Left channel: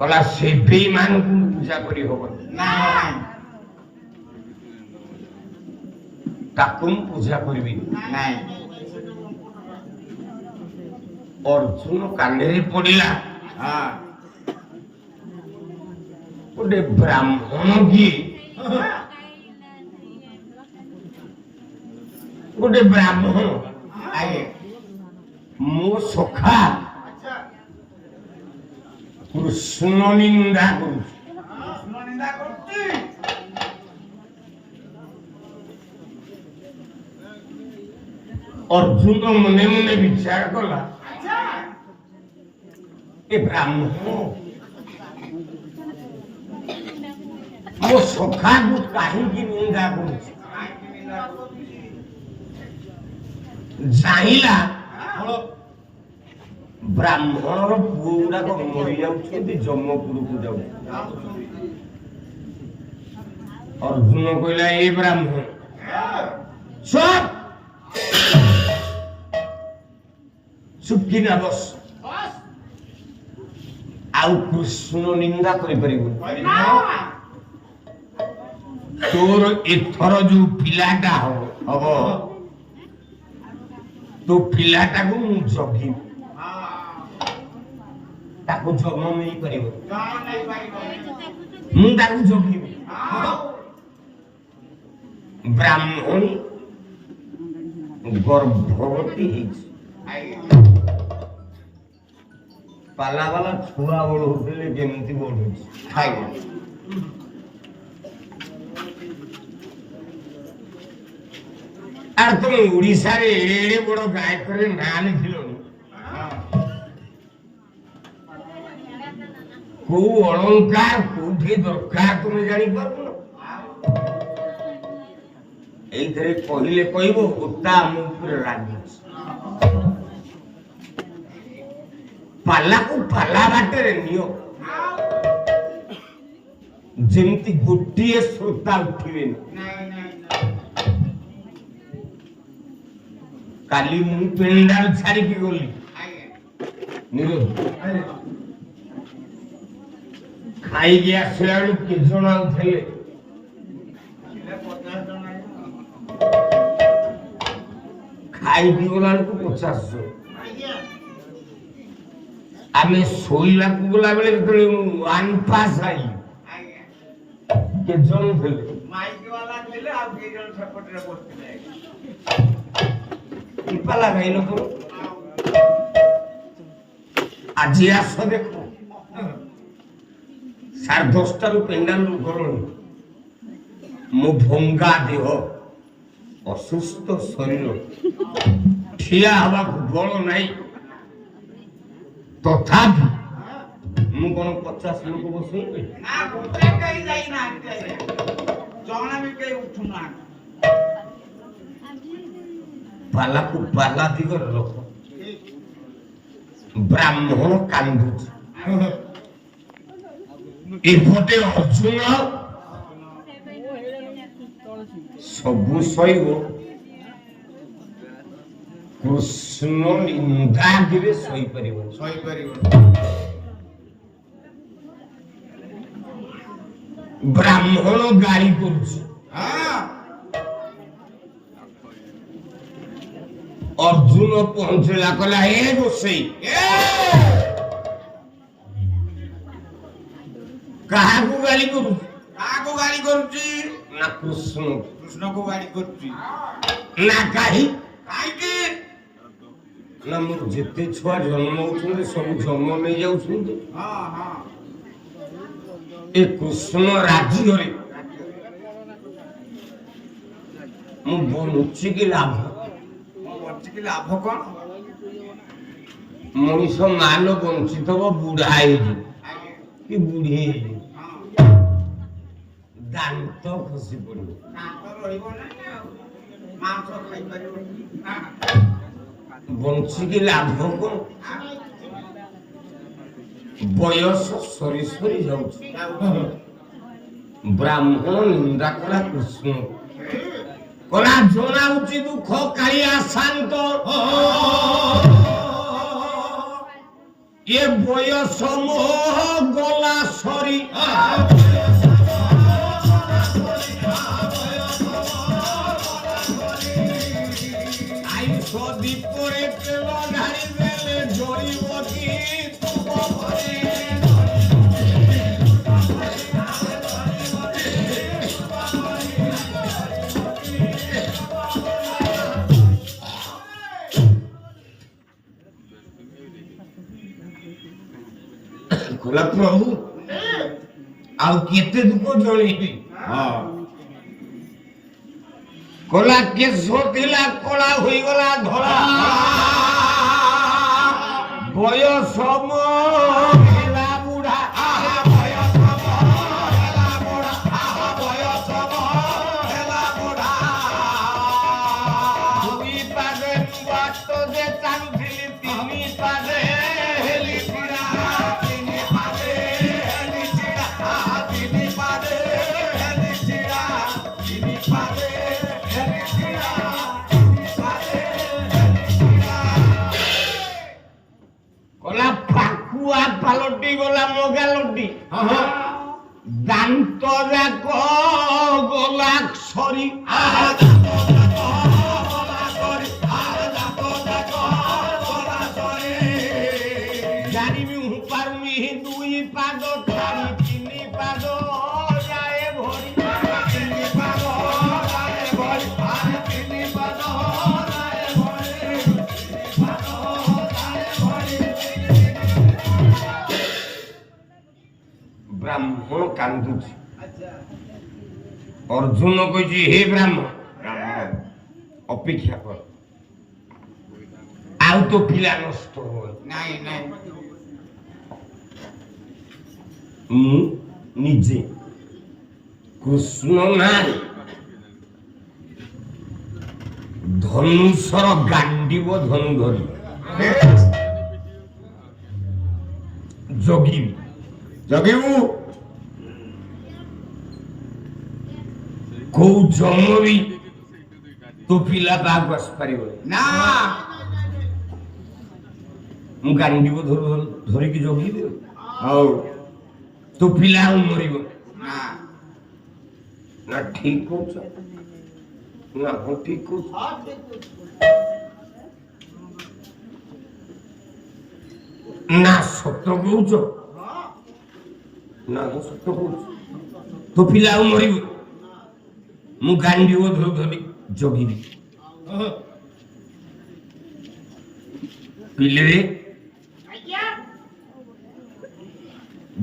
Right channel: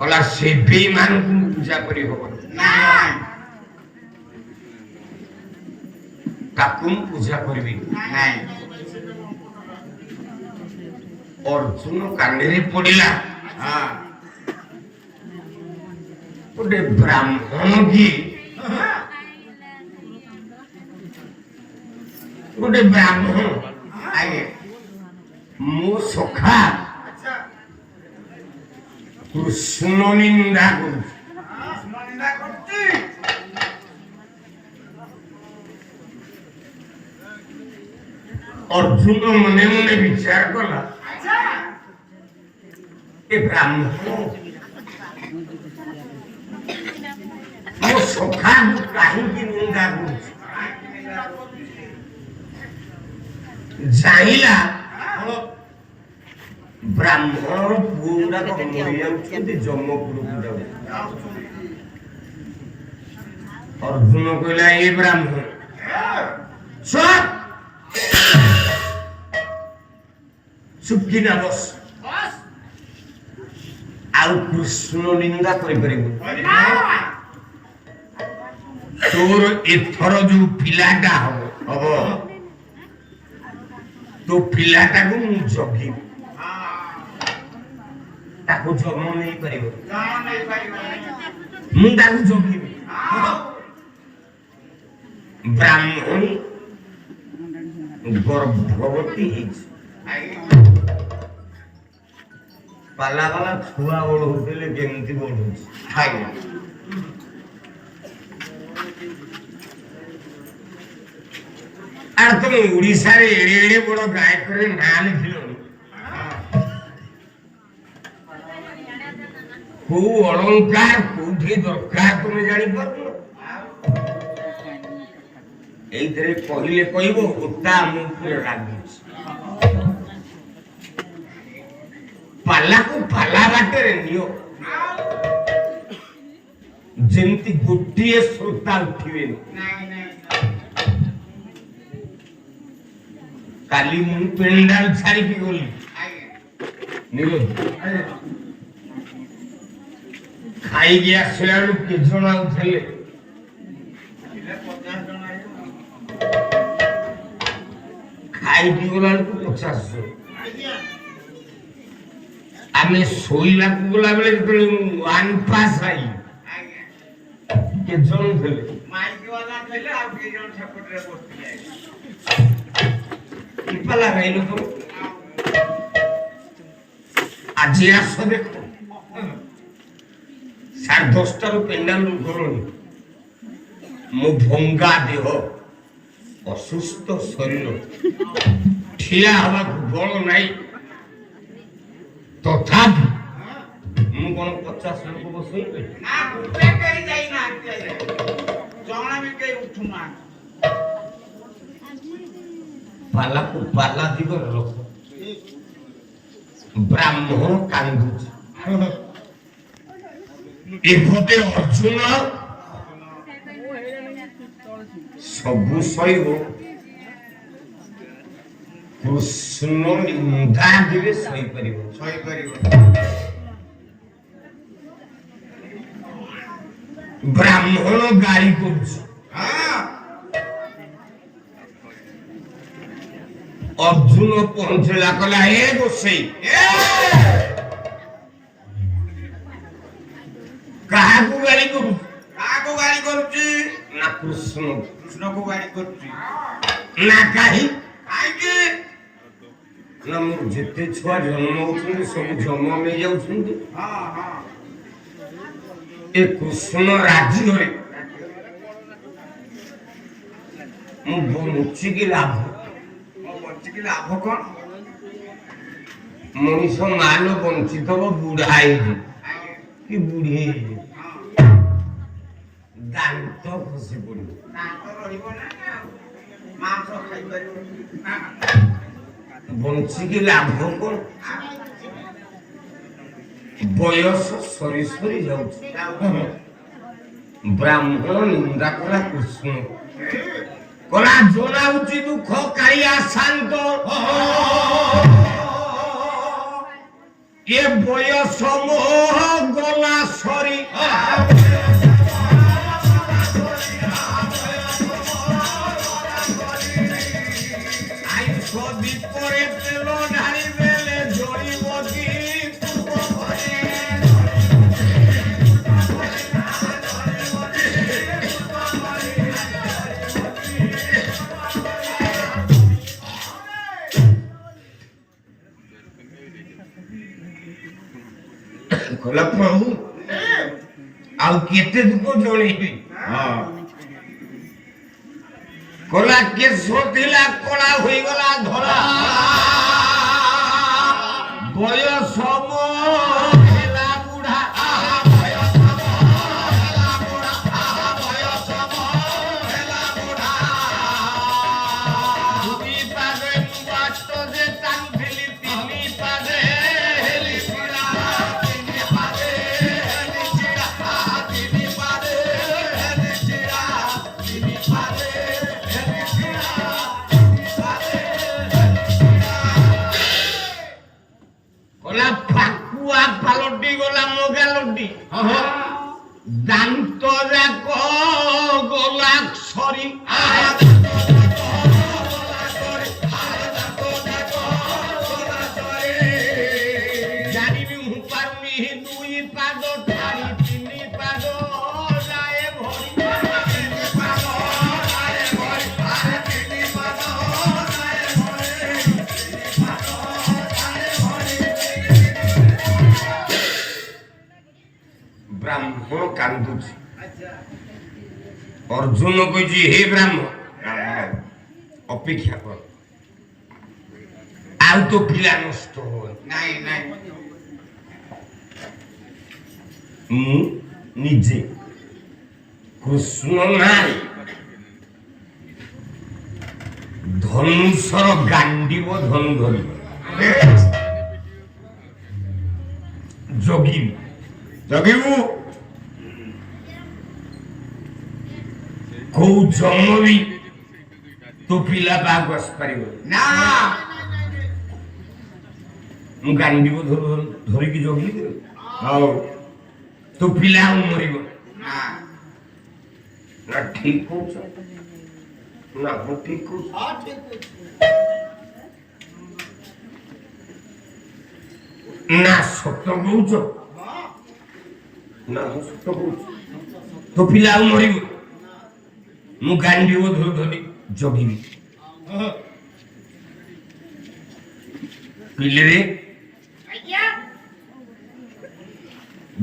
कला से बेईमान को पूजा करी होबो ना ताकुम पूजा करबी नहीं अर्जुन कांडेरी पड़िला हां गोटे ब्राह्मण की गोटे ब्राह्मण आगे मो सखा कृष्ण निंदा निंदा करती अर्जुन मने मने विचार कला ए ब्राह्मण मो सखा को कहीं की निंदा कर जाइला ब्राह्मण पूरा को मरियम के जम्मपुर को जाओ अर्जुन कहला ए ब्राह्मण सब सुखी ना बस आउ कृष्ण निंदा करि परिबो तोर एथर जो पिलाटा हबो तो पिलाटा को मु जगी ताको जन्म नहीं परिबो मु ताको जगी ब्राह्मण गर्भवती पाला वाला छुआ बड़ होते केमती बड़ खाई আর তুমি ওড়িশার এড়ে এড়ে বড় গায়কের না লিখিল কোউ অলঙ্কার কোউঠি দরকার তুমি জানি পারো এইথরে কহিলে কইব উত্তা মুখে রাগি পালাকু পালা বাটরে নিও যেমতি গোটিয়ে শ্রোতা উঠিবে काली मु पेंडाल छाड़ी की गोली निलो खाई गया सोयालु के जणा उठले खाई की गोला को 50 आमे सोइला को गोला बेले तो वन पास आई के जण उठले माइक वाला थले आ के जण सपोर्ट रे बसले इपाला गइलो तो आज आसो देखो 10:30 रु पेंडाल घर मो भंगा देह असुस्थ शरीर ठिया हवा बल नहीं तथापि मु कोन 50 लोक बसई ना गुटे कई जाई ना जणा भी के उठुना पाला को पाला दिगर लोक ब्राह्मण कांदुच एपटे अर्जुन सबु सैव कृष्ण निंदा दिवे सही परिबो ब्राह्मण गाली करुछ अर्जुन पहुंचला कला ए गोसई कहा को गाली करूची ना कृष्ण को गाली करती ना काहे काहे ना मु जेते छुआ जन्म होछन सब जन्म में जाउछन हां हां ए कृष्ण राजी होई मु बनुची की लाभ लाभ कौन मनुष्य माल बंचित हो बुढ़ा कि बुढ़ी दांत खसी पड़ो बंचिकी लाभ कौन बयस सरी सरी जाउछि ब्राह्मण निंदा कला कृष्ण कला जनाउछि दुख कालिया शांत এ বয়স গলা সরি বিপরে তেল ঢালি বেলে জড়িবতী ଖୋଲା ପ୍ରଭୁ ଆଉ କେତେ ଦୁଃଖ ଜଳେଇବି କଳା କେଶ ଥିଲା କଳା ହୋଇଗଲା ଧଳା ବୟସ ହେଲା ବୁଢା ଦୁଇ ପାଦେ ବାଟ ଯେ କାନ୍ଦିଲି ତିନି ପାଦେ ହେଲି ଛିଡ଼ା ତିନି ପାଦେ ହେଲି ଛିଡ଼ା ତିନି ପାଦେ ହେଲି ଛିଡ଼ା ତିନି ପାଦେ ହେଲି ଛିଡ଼ା ତିନି ପାଦେ ହେଲି ଛିଡ଼ା କଲା ପାକୁଆ ପାଲଟି ଗଲା ମୋଗାଲଟି ଦାନ୍ତ ଯାକ ଗଲା ସରି ଜାଣିବି ମୁଁ ପାରୁନି ଦୁଇ ପାଦ ଠାରି ତିନି ପାଦ ଯାଏ ଭରି ତିନି ପାଦ ଯାଏ ଭରି ତିନି ପାଦ ଯାଏ ଭରି ତିନି ପାଦ ଯାଏ ଭରି ବ୍ରାହ୍ମଣ କାନ୍ଦୁଛି ଅର୍ଜୁନ କହୁଛି ହେ ବ୍ରାହ୍ମଣ ଅପେକ୍ଷା କର ଆଉ ତ ପିଲା ନଷ୍ଟ ହବ ନାଇଁ ନାଇଁ ମୁଁ ନିଜେ କୃଷ୍ଣ ନାଁ ଧନୁଷର ଗାଣ୍ଡିବ ଧନୁ ଧରିବ ଜଗିବି ଜଗିବୁ କୋଉ ଜନ୍ମ ବି ତୋ ପିଲା ବାହାକୁ ଆସିପାରିବ ନା ମୁଁ ଗାଣ୍ଡିବ ଧରିକି ଜଗିବି ଆଉ ତୋ ପିଲା ଆଉ ମରିବ ନା ନା ଠିକ କହୁଛ ନା ମୁଁ ଠିକ କହୁଛ ନା ସତ କହୁଛ ନା ମୁଁ ସତ କହୁଛି ତୋ ପିଲା ଆଉ ମରିବ ମୁଁ ଗାଣ୍ଡିବ ଧରି ଜଗିବି ପିଲେ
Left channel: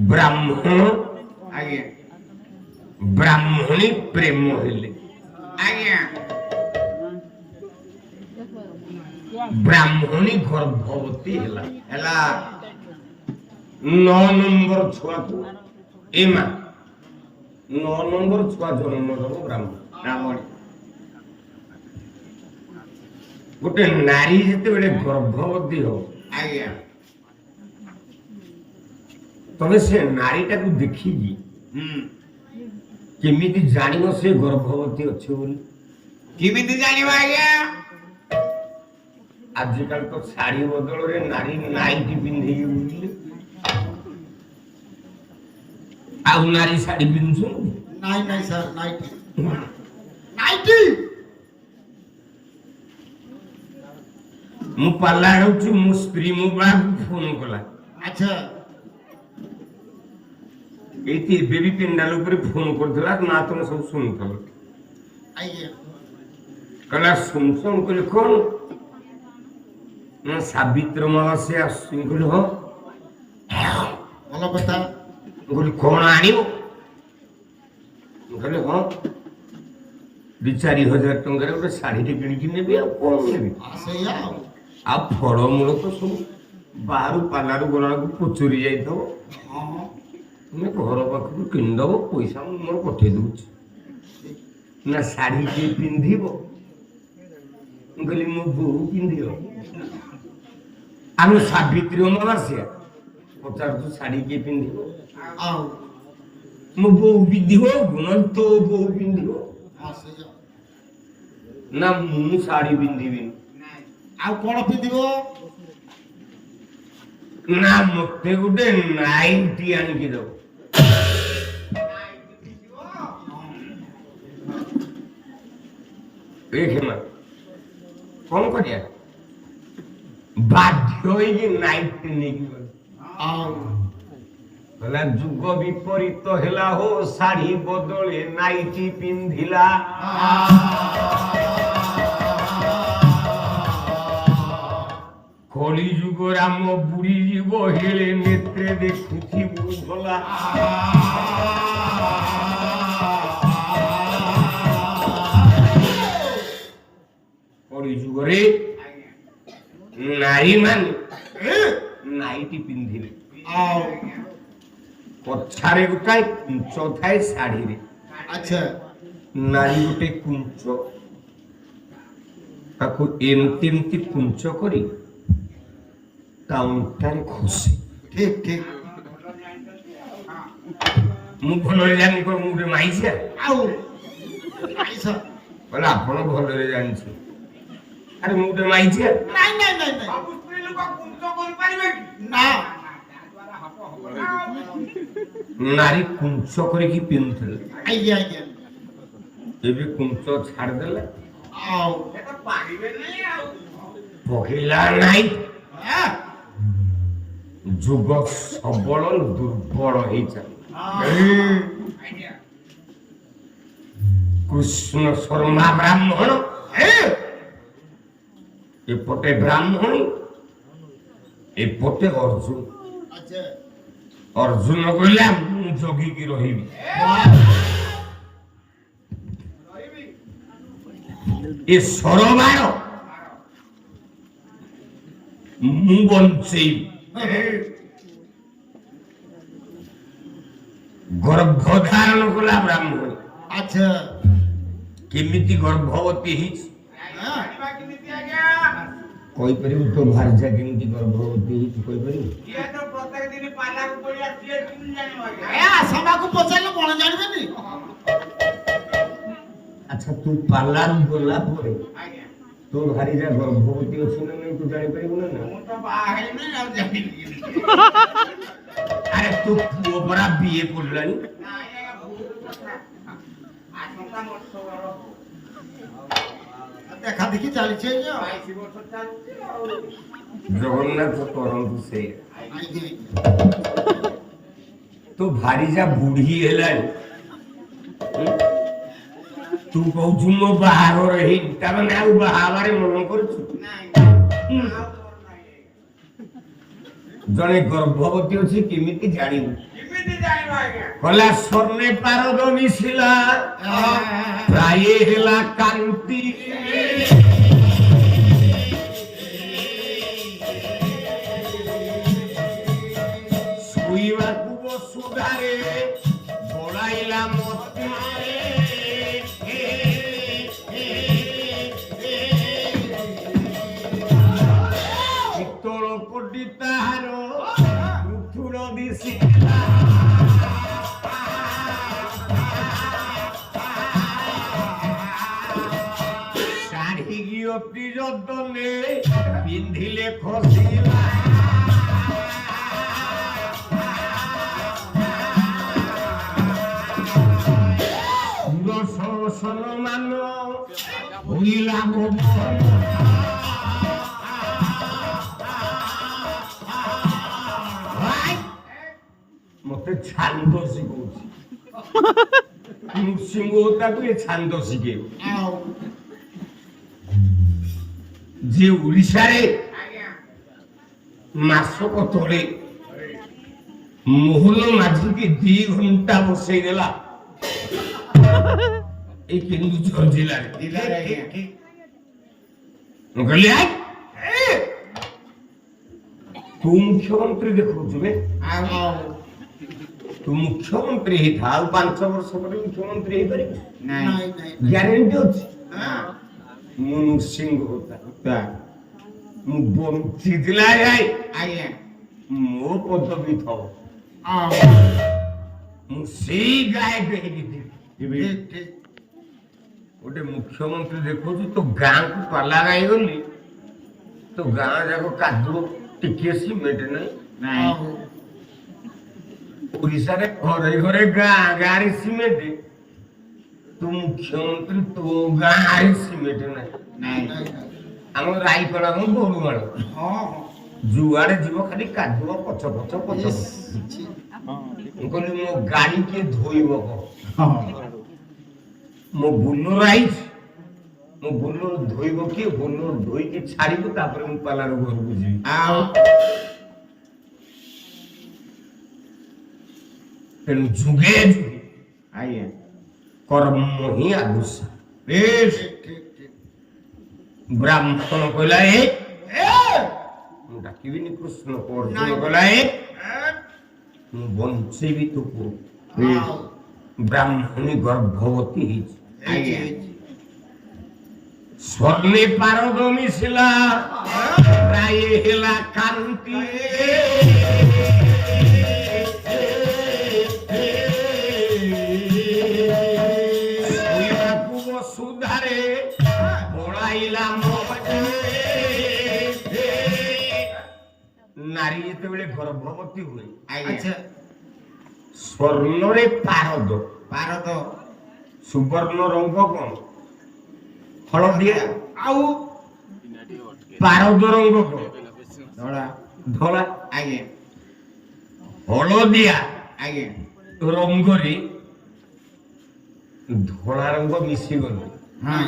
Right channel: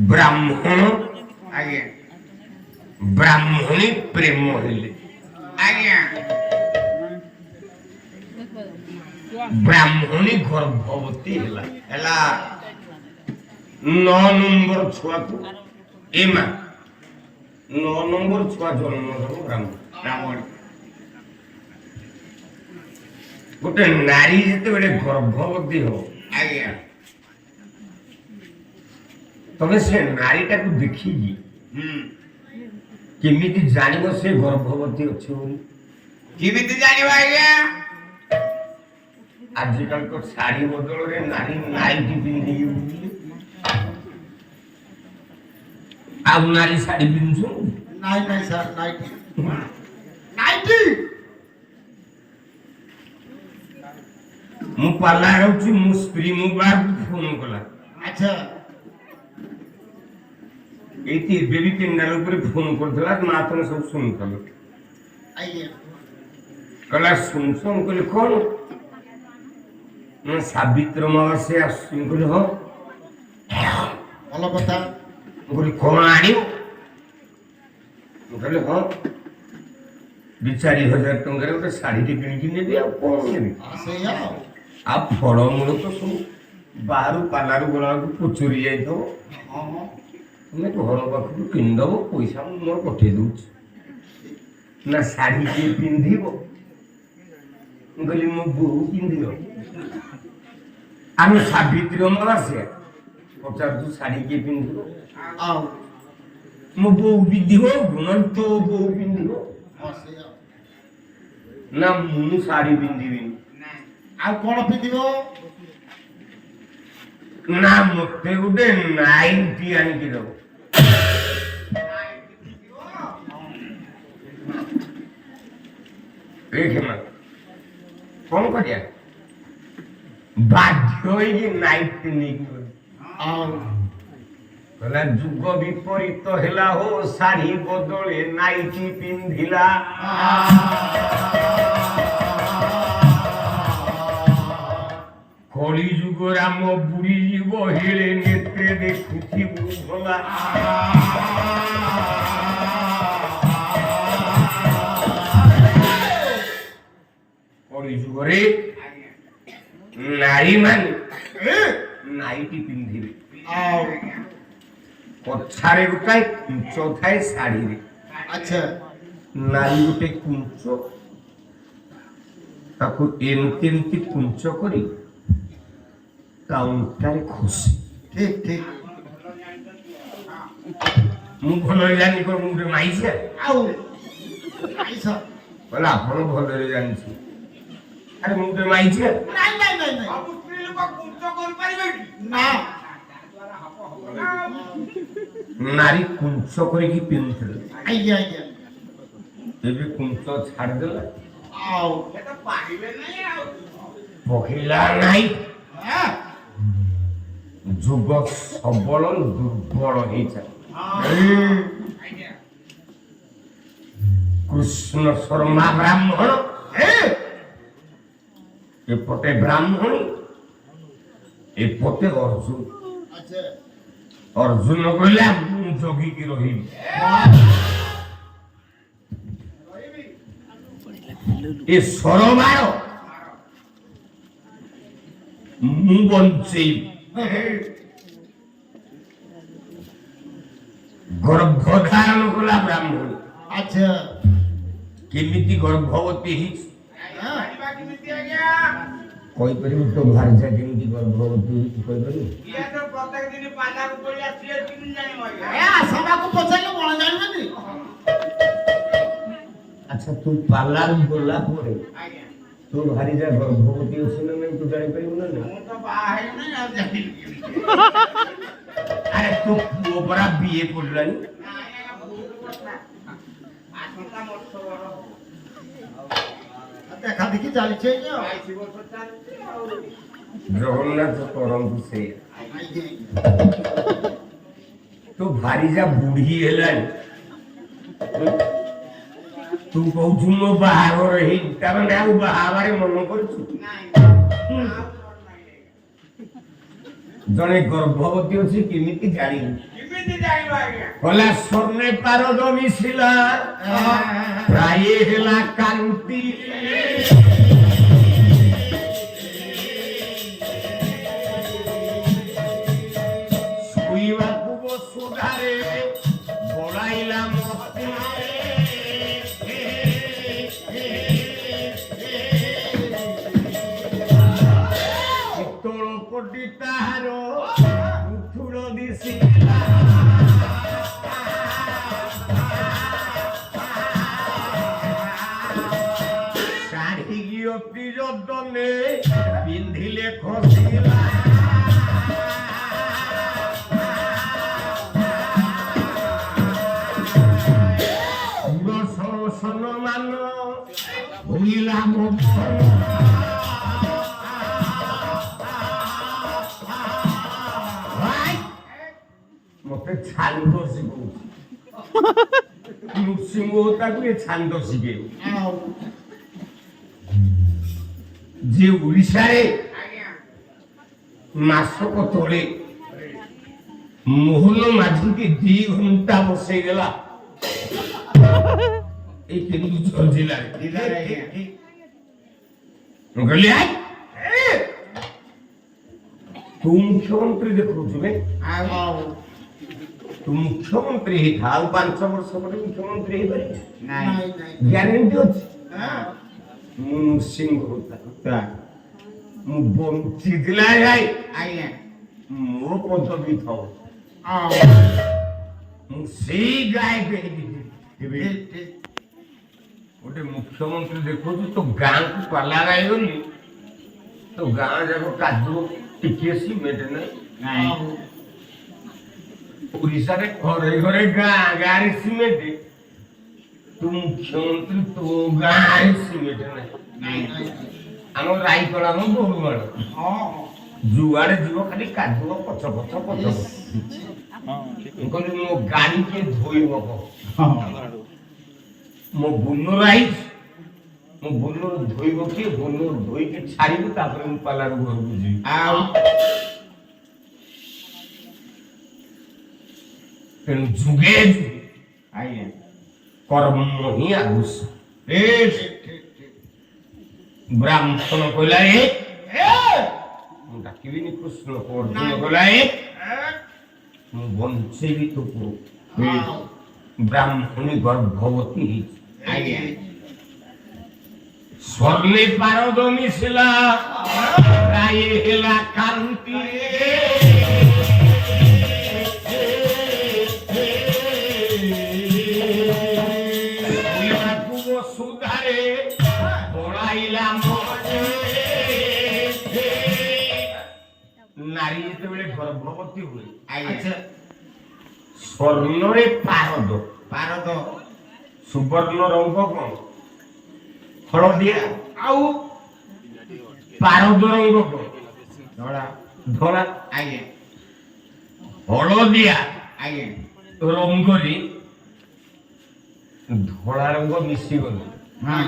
ବ୍ରାହ୍ମଣ ଆଜ୍ଞା ବ୍ରାହ୍ମଣୀ ପ୍ରେମ ହେଲେ ଆଜ୍ଞା ବ୍ରାହ୍ମଣୀ ଗର୍ଭବତୀ ହେଲା ହେଲା 9 ନମ୍ବର ଛୁଆକୁ ଏ ମା 9 ନମ୍ବର ଛୁଆ ଜନ୍ମ ଦେବ ବ୍ରାହ୍ମଣ ଗୋଟେ ନାରୀ ଯେତେବେଳେ ଗର୍ଭବତୀ ହବ ଆଜ୍ଞା ତମେ ସେ ନାରୀଟାକୁ ଦେଖିକି ହୁଁ କେମିତି ଜାଣିବ ସେ ଗର୍ଭବତୀ ଅଛି ବୋଲି କେମିତି ଜାଣିବ ଆଜ୍ଞା ଆଜିକାଲି ତ ଶାଢୀ ବଦଳରେ ନାରୀ ନାଇଟି ପିନ୍ଧିକି ବୁଲିଲେ ଆଉ ନାରୀ ଶାଢୀ ପିନ୍ଧୁଛୁ ନାଇଁ ନାଇଁ ସାର୍ ନାଇଟି ନାଇଟି ମୁଁ ପାଲା ହେଉଛି ମୋ ସ୍ତ୍ରୀ ମୋ ବାହାକୁ ଫୋନ କଲା ଆଚ୍ଛା ଏଇଠି ଏବେ ବି ପିଣ୍ଡାଲ ଉପରେ ଫୋନ କରୁଥିଲା ମା ତମେ ସବୁ ଶୁଣୁଥିଲ ଆଜ୍ଞା କହିଲା ଶୁଣୁଛ ମୁଁ କହିଲି କଣ ନା ସାବିତ୍ରୀ ଅମାବାସ୍ୟା ଆସୁଛି ମୁଁ କହିଲି ହଁ ଭଲ କଥା ମୁଁ କହିଲି କଣ ଆଣିବ ମୁଁ କହିଲି ହଁ 2-4 ହଜାର ଟଙ୍କାରେ ଗୋଟେ ଶାଢ଼ୀଟେ କିଣିକି ନେବି ଆଉ କଣ ନେବି ସେଇଆ ଆଉ ଫଳମୂଳ ତ ସବୁ ବାହାରୁ ପାଲାରୁ ଗଲାବେଳକୁ ପଚୁରି ଯାଇଥିବ ତୁମେ ଘର ପାଖରୁ କିଣିଦେବ ପଇସା ମୁଁ ମୋର ପଠେଇ ଦେଉଛି ନା ଶାଢ଼ୀ କିଏ ପିନ୍ଧିବ ମୁଁ କହିଲି ମୋ ବୋଉ ପିନ୍ଧିବ ଆମେ ସାବିତ୍ରୀ ଅମାବାସ୍ୟା ପଚାରୁଛୁ ଶାଢ଼ୀ କିଏ ପିନ୍ଧିବ ଆଉ ମୋ ବୋଉ ପିନ୍ଧିବ ତୋ ବୋଉ ପିନ୍ଧିବ ସେଇଆ ନା ମୁଁ ଶାଢ଼ୀ ପିନ୍ଧିବିନି ଆଉ କଣ ପିନ୍ଧିବ ନା ମତେ ଗୋଟେ ନାଇଟି ଆଣିକି ଦବ। ଏଇକ୍ଷମା କଣ କରିବା ବାଧ୍ୟ ହେଇକି ନାଇଟି ନେଇକି ଗଲି। କହିଲା ଯୁଗ ବିପରୀତ ହେଲା ହୋ ଶାଢୀ ବଦଳେ ନାଇଟି ପିନ୍ଧିଲା। କଳି ଯୁଗ ରାମ ବୁଡି ଯିବ ହେଳେ ନେତ୍ରେ ଦେଖୁଥିବୁ ଭଲା। କଳି ଯୁଗରେ ନାରୀ ମାନେ ନାଇଟି ପିନ୍ଧିବେ। ପଛାରେ ଗୋଟାଏ କୁଞ୍ଚ ଥାଏ ଶାଢୀରେ। ଆଚ୍ଛା ନାରୀ ଗୋଟେ କୁଞ୍ଚ ତାକୁ ଏମିତି ଏମିତି କୁଞ୍ଚ କରି ତା ଅଣ୍ଟାରେ ଖୋସେ। ଠିକ ଠିକ ମୁଁ ଭଲରେ ଜାଣିନି କଣ ମୁଁ ଗୋଟେ ମାଇସିଆ। ଆଉ ଆଇସ କହିଲେ ଆପଣ ଭଲରେ ଜାଣିଛୁ। ଆରେ ମୁଁ ଗୋଟେ ମାଇସିଆ। ନାଇଁ ନାଇଁ ନାଇଁ ନାଇଁ ସବୁ ସ୍ତ୍ରୀ ଲୋକ କୁଞ୍ଚ କରିପାରିବେ କି? ନା ନାରୀ କୁଞ୍ଚ କରିକି ପିନ୍ଧୁଥିଲେ। ଆଜ୍ଞା ଆଜ୍ଞା ଏବେ କୁଞ୍ଚ ଛାଡ଼ିଦେଲେ ଆଉ ସେ ତ ପାରିବେ ନାହିଁ ଆଉ। ପକେଇଲା ନାହିଁ। ହଁ ଯୁଗ ସବଳ ଦୁର୍ବଳ ହେଇଯାଏ। ଆଜ୍ଞା କୃଷ୍ଣ ଶର୍ମା ବ୍ରାହ୍ମଣ ଏପଟେ ବ୍ରାହ୍ମଣୀ ଏପଟେ ଅର୍ଜୁନ। ଆଚ୍ଛା ଅର୍ଜୁନ କହିଲା ମୁଁ ଜଗିକି ରହିବି। ରହିବି ଏ ସରବାର ମୁଁ ବଞ୍ଚେଇବି। ଗର୍ଭ ଧାରଣ କଲା ବ୍ରାହ୍ମଣ। ଆଚ୍ଛା କେମିତି ଗର୍ଭବତୀ ହେଇଛି ଜାଣିବା କେମିତି ଆଜ୍ଞା? କହିପାରିବୁ? ତୋ ଭାର୍ଯ୍ୟା କେମିତି ଗର୍ଭବତୀ ହେଇଛି କହିପାରିବୁ? ଇଏ ତ ପ୍ରତ୍ୟେକ ଦିନ ପାଲାକୁ ପଳେଇ ଆସିଲେ କେମିତି ଜାଣିବ ଆଜ୍ଞା? ଏ ଆସବାକୁ ପଚାରିଲେ କଣ ଜାଣିବେନି? ଆଚ୍ଛା ତୁ ପାଲାରୁ ଗଲା ପରେ ଆଜ୍ଞା ତୋ ଭାର୍ଯ୍ୟା ଗର୍ଭବତୀ ଅଛି ନା ନାଇଁ ତୁ ଜାଣିପାରିବୁ ନା ନାଇଁ? ମୁଁ ତ ବାହା ହେଇନି ଆଉ ଜାଣିବି କେମିତି? ଆରେ ତୋ ପୁଅ ପରା ବିଏ ପଢିଲାଣି। ନାଇଁ ଆଜ୍ଞା ଭୁଲ କଥା। ଆସନ୍ତା ବର୍ଷ ବଡ ହବ। ଦେଖା ଦେଖି ଚାଲିଛି ଆଜ୍ଞା 22 ବର୍ଷ ଚାଲିଛି ଆଉ। ଜଗନ୍ନାଥ କରନ୍ତୁ ସେଇଆ। ଆଜ୍ଞା ତୋ ଭାର୍ଯ୍ୟା ବୁଢୀ ହେଲାଣି ତୁ କହୁଛୁ ମୋ ବାହାଘର ହେଇଛି ତା ମାନେ ଆଉ ବାହାଘରେ ମନ କରୁଛୁ? ନାଇଁ ଆଉ କଣ ନାହିଁ ଆଜ୍ଞା। ଜଣେ ଗର୍ଭବତୀ ଅଛି କେମିତି ଜାଣିବୁ? କେମିତି ଜାଣିବ ଆଜ୍ଞା? କହିଲା ସ୍ୱର୍ଣ୍ଣେ ପାରଦ ମିଶିଲା ପ୍ରାୟ ହେଲା କାନ୍ତି। ଶୋଇବାକୁ ବସୁଧାରେ ବଳାଇଲା ମତେ। ପିତ୍ତଳ କୋଟି ତାହାର ଉଠୁର ଦିଶିଲା। ଶାଢ଼ୀକି ଅତି ଯତନେ ପିନ୍ଧିଲେ ଖସିଲା। ସୁଦର୍ଶନ ମାନ ଭୁଲିଲା ମୋ ମତେ ଛାନ୍ଦ ଶିଖଉଛି। ନୃସିଂହ ତାକୁ ଏ ଛାନ୍ଦ ଶିଖେଇବ। ଆଉ ଯେ ଓଡ଼ିଶାରେ ଆଜ୍ଞା ମାସକ ତଳେ ମୋହନ ମାଝିକି 2 ଘଣ୍ଟା ବସେଇ ଦେଲା এই কেন্দুঝর জেলায়। ମୁଁ କହିଲି ଆଇ ତୁ ମୁଖ୍ୟମନ୍ତ୍ରୀ ଦେଖଉଛୁ ବେ। ତୁ ମୁଖ୍ୟମନ୍ତ୍ରୀ ହେଇଥା ଆଉ 5 ବର୍ଷ ପରେ ମୁଖ୍ୟମନ୍ତ୍ରୀ ହେଇପାରିବୁ? ନାଇଁ ନାଇଁ ଗ୍ୟାରେଣ୍ଟି ଅଛି। ହଁ ମୁଁ ନୃସିଂହ ହୋତା ମୁଁ ବଞ୍ଚିଥିଲା ଯାଇ ଆଜ୍ଞା ମୋ ପଦବୀ ଥାଉ ଆଉ ମୁଁ ସେଇ ଗାୟକ ହେଇକି ଥିବି। ଠିକ ଠିକ ଗୋଟେ ମୁଖ୍ୟମନ୍ତ୍ରୀ ଦେଖୁଛୁ ତୋ ଗାଁକୁ ପାଲା ଗାଇ ଗଲି ତୋ ଗାଁ ଯାକ କାଦୁଅ ଟିକେ ସିମେଣ୍ଟ ନାହିଁ। ଆଉ ଓଡ଼ିଶାରେ ଘରେ ଘରେ ଗାଁ ଗାଁରେ ସିମେଣ୍ଟ ତୁ ମୁଖ୍ୟମନ୍ତ୍ରୀ ତୋ ଗାଁରେ ସିମେଣ୍ଟ ନାହିଁ ନାଇଁ ନାଇଁ ଆମ ରାଇକଳା ମୁଁ ଦୋରୁମାଳ ହଁ ଯୁଆଡେ ଯିବ ଖାଲି କାଦୁଅ ପଛ ପଛ ପଛ ମୁଁ କହିଲି ମୋ ଗାଡି କିଏ ଧୋଇବ କହ ହଁ ମୋ ବୁଲର ଆଇଛି ମୋ ବୁଲର ଧୋଇବ କିଏ ବୁଲର ଧୋଇକି ଛାଡ଼ିବୁ ତାପରେ ମୁଁ ପାଲାର ଘରକୁ ଯିବି ଆଉ ତେଣୁ ଯୁଗେ ଯୁଗେ ଆଜ୍ଞା କର୍ମ ହିଁ ଆଗୁସ ବେଶ ଠିକ ବ୍ରାହ୍ମଣ କହିଲା ମୁଁ ଡାକିବିନି କୃଷ୍ଣ ଅର୍ଜୁନ କହିଲା ମୁଁ ବଞ୍ଚେଇବି ତୋକୁ ଆଉ ବ୍ରାହ୍ମଣୀ ଗର୍ଭବତୀ ହେଇଛି ଆଜ୍ଞା ସ୍ୱର୍ଣ୍ଣେ ପାରଦ ମିଶିଲା ରାୟ ହେଲା କାନ୍ତି ସୁଧାରେ ବଳାଇଲା ନାରୀ ଯେତେବେଳେ ଗର୍ଭବତୀ ହୁଏ ଆଚ୍ଛା ସ୍ୱର୍ଣ୍ଣରେ ପାରଦ ପାରଦ ସୁବର୍ଣ୍ଣ ରଙ୍ଗ କଣ ହଳଦିଆ ଆଉ ପାରଦ ରଙ୍ଗ କଣ ଧଳା ଧଳା ଆଜ୍ଞା ହଳଦିଆ ଆଜ୍ଞା ରଙ୍ଗରେ ଧଳା ରଙ୍ଗ ମିଶିଗଲେ ହଁ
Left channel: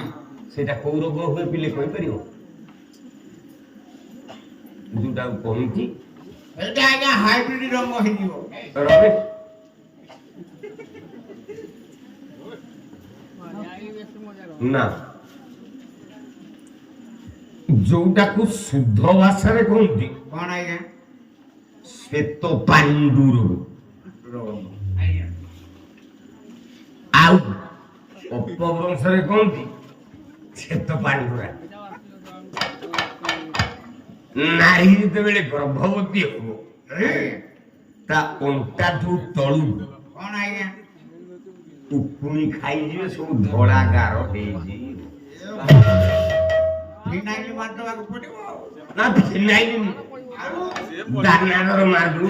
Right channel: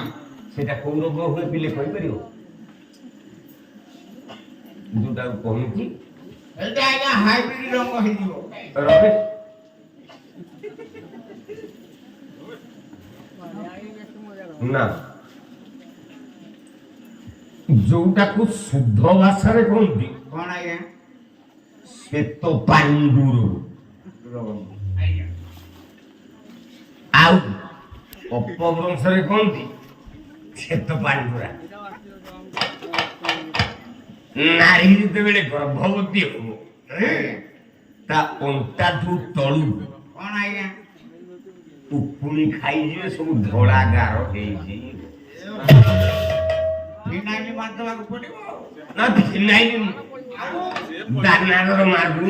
ସେଟା କୋଉ ରୋଗ ହୁଏ ପିଲେ କହିପାରିବ ଯୋଉଟାକୁ କହୁଛି ଏଇଟା ଆଜ୍ଞା ହାଇବ୍ରିଡ ରଙ୍ଗ ହେଇଯିବ ରବେ ନା ଯୋଉଟାକୁ ଶୁଦ୍ଧ ଭାଷାରେ କହନ୍ତି କଣ ଆଜ୍ଞା ଶ୍ଵେତ ପାଣ୍ଡୁର ଆଜ୍ଞା ଆଉ ଅପଭ୍ରଂଶରେ କହନ୍ତି ଶ୍ଵେତ ପାଣ୍ଡୁରା ନାରୀ ଯେତେବେଳେ ଗର୍ଭବତୀ ହବ ତା ଅଣ୍ଟାଠୁ ତଳୁ କଣ ଆଜ୍ଞା ଉକୁଣି ଖାଇଯିବେ ସବୁ ଧଳା ଗାର ହେଇଯିବ ଫିନାଇଲ ମାରିଦେବାକୁ ପଡିବ ନା ଫିନାଇଲ ଦାନାର ମାରୁ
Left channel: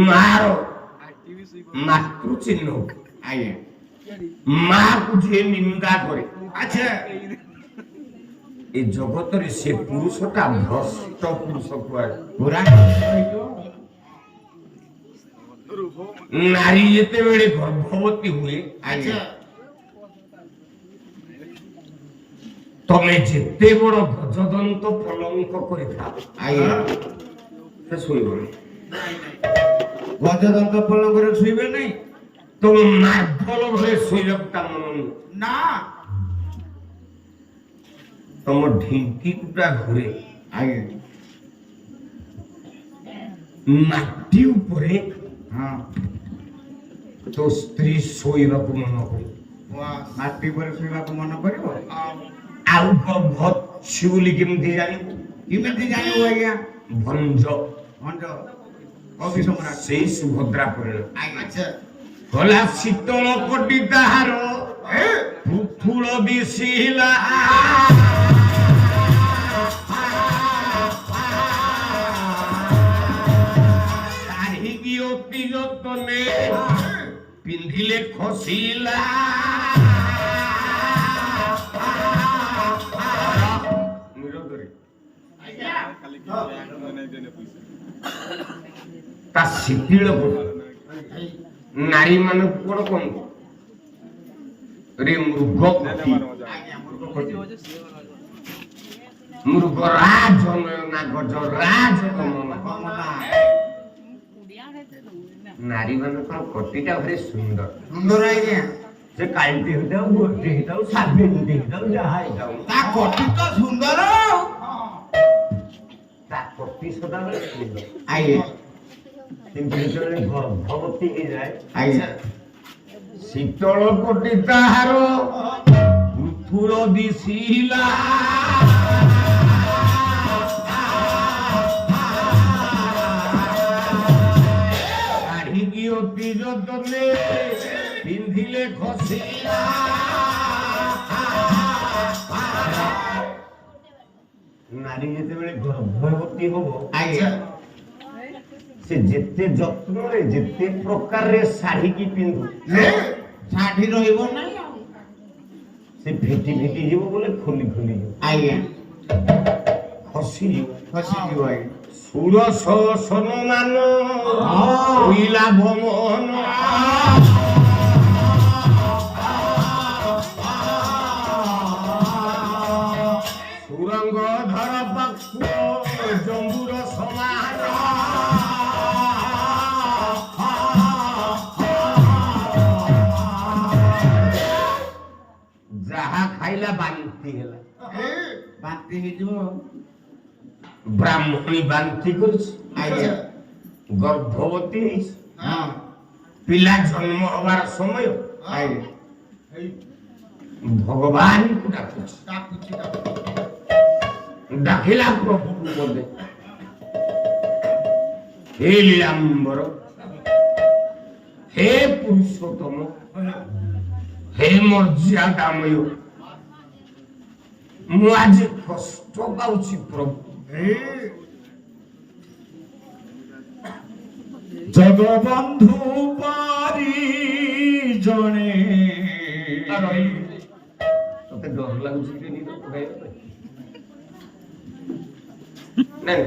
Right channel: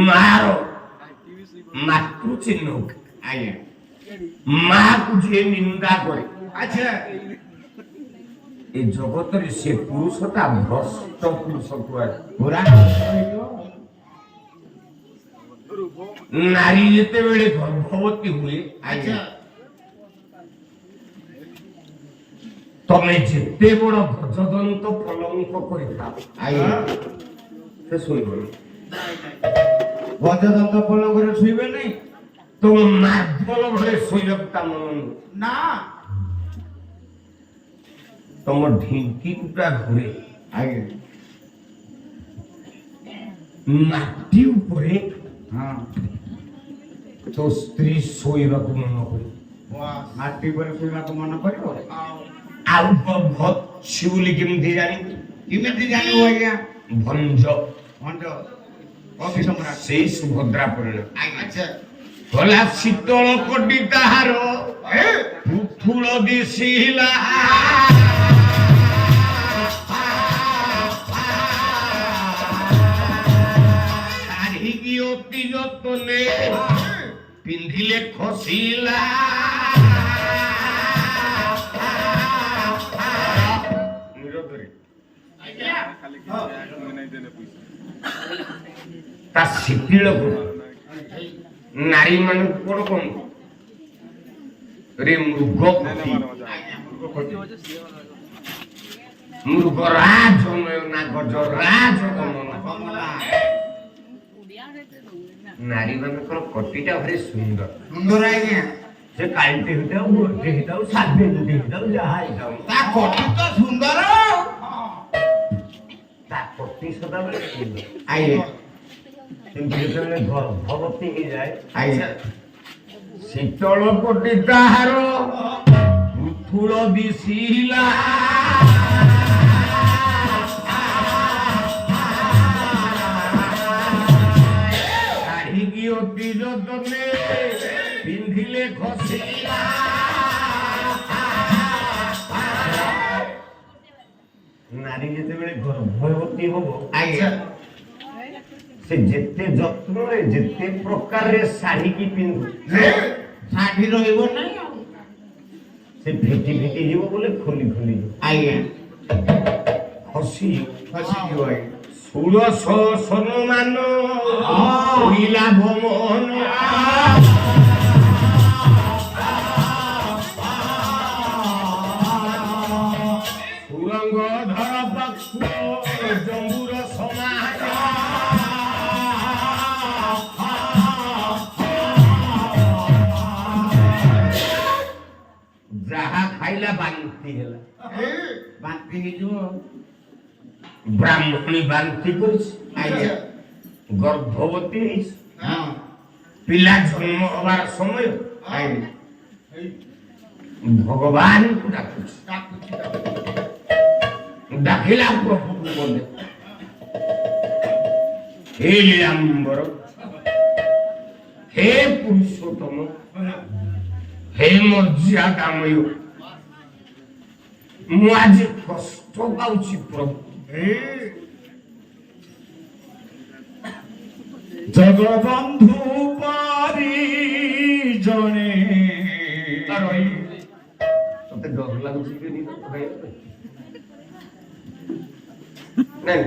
ମାର ମାତୃ ଚିହ୍ନ ଆଜ୍ଞା ମାକୁ ଯିଏ ନିନ୍ଦା করে ଆଚ୍ଛା ଏ ଜଗତରେ ସେ ପୁରୁଷଟା ଭ୍ରଷ୍ଟ ପୁରୁଷ କୁଆଡେ ପୁରା ନାରୀ ଯେତେବେଳେ ଗର୍ଭବତୀ ହୁଏ ଆଚ୍ଛା ତମେ ଯେତେ ବଡ ଗଜଦନ୍ତ ଫଳଙ୍କ କରିଥାଅ ଆଜ୍ଞା ସେ ଶୋଇବନି ଗଜଦନ୍ତ ପଲଙ୍କରେ ଶୋଇବେ ନାହିଁ ତମ ମାର୍ବଲ ଘରେ ଶୋଇବାକୁ ତା ମନ ନୁହେଁ ନା ତମ ଢିଙ୍କି କୁଟା ଘରେ ଆଜ୍ଞା ମାଟି ଉପରେ ହଁ ତୋ ସ୍ତ୍ରୀ ଶୋଇବାକୁ ମନ କରିବ ମାଟି ଉପରେ ଶୋଇବାକୁ ମନ କରିବ ଆଉ ଭତ୍ସୁ ବୋଲି କେମିତି ଜାଣିବୁ କେମିତି ଜାଣିବ ଆଜ୍ଞା ଭଞ୍ଜ ଭଞ୍ଜ ଅଭିସମ୍ରାଟ ସେଇ ସୁଭଦ୍ରା ପରିଣ ଆଚ୍ଛା ଗଲା ଶୀତଳ କୋଟି ତାହାର ପୁଥୁଳ ଦିଶିଲା ଶାଢ଼ୀକି ଅତି ଯତନେ ପିନ୍ଧିଲେ ଖସିଲା ତା ଶିଥିଳ ନାରୀ ମାନଙ୍କୁ କଣ କହୁ ରେ ମୃଗ ମୃଗ ରାଜ ନା ଗଜ ରାଜ ନାରୀ ମାନଙ୍କର ପ୍ରତିଟା ଭାରି ସୁନ୍ଦର ସୁନ୍ଦର ଆଜ୍ଞା ସେ କାଳିଟେ ହେଇଥାଉ ଗୋଟିଏ ହେଇଥାଉ ସାବିତ୍ରୀ ହେଇଥାଉ ଯାହା ହେଇଥାଉ ତା କଟି ତ ସୁନ୍ଦର ତା ପ୍ରତି ସଦାବେଳେ ସୁନ୍ଦର ଆଜ୍ଞା କିନ୍ତୁ ଯେତେବେଳେ ଗର୍ଭବତୀ ହେଇଯାଏ ଆଜ୍ଞା ଶୀତଳ କୋଟି ତାହାର ପୁଥୁଳ ଦିଶିଲା ଶାଢ଼ୀକି ଅତି ଯତନେ ପିନ୍ଧିଲେ ଖସିଲା ନାରୀ ଯେତେବେଳେ ଗର୍ଭବତୀ ହବ ଆଜ୍ଞା ସେ ଯେତେ ଯତ୍ନରେ ଯେତେ ପ୍ରକାରରେ ଶାଢ଼ୀକି ପିନ୍ଧୁ ଶାଢୀ ରହିବ ନାଇଁ ଆଉ ସେ ଫେଟି ଫେଟି ଯିବ ବୋଲେ ଖୋଲି ଖୋଲି ଯିବ ଆଜ୍ଞା ଖସିଯିବ ଖସିଯିବ ଆଜ୍ଞା ଷୋଡ଼ଶ ସନମାନ ଶୋଇଲା ଭମନ ସୁରଙ୍ଗ ଧର ପକ୍ଷ ଜମ୍ବୁର ସମାନ ଯାହା ଖାଇଲା ବାନ୍ତି ହେଲା ବାନ୍ତି ହେଇଯିବ ବ୍ରାହ୍ମଣୀ ବାନ୍ତି କରିଛି ଆଜ୍ଞା ଗର୍ଭବତୀ ହେଇଛି ହଁ ପିଲା ଜନ୍ମ ହବାର ସମୟ ଆଜ୍ଞା ଭଗବାନଙ୍କୁ ଡାକୁଛି ଡାକିଲା ପ୍ରଭୁକୁ ବୋଲେ ହେ ଲୀଳାମ୍ବର ହେ ପୁରୁଷୋତ୍ତମ ହେ ମର୍ଯ୍ୟାଦାମୟ ମୁଁ ଆଜି କଷ୍ଟ ପାଉଛି ପ୍ରଭୁ ଜଗବନ୍ଧୁ ପାରି ଜଣେ ମତେ ଡର ଲାଗୁଛି କି ନାଇଁ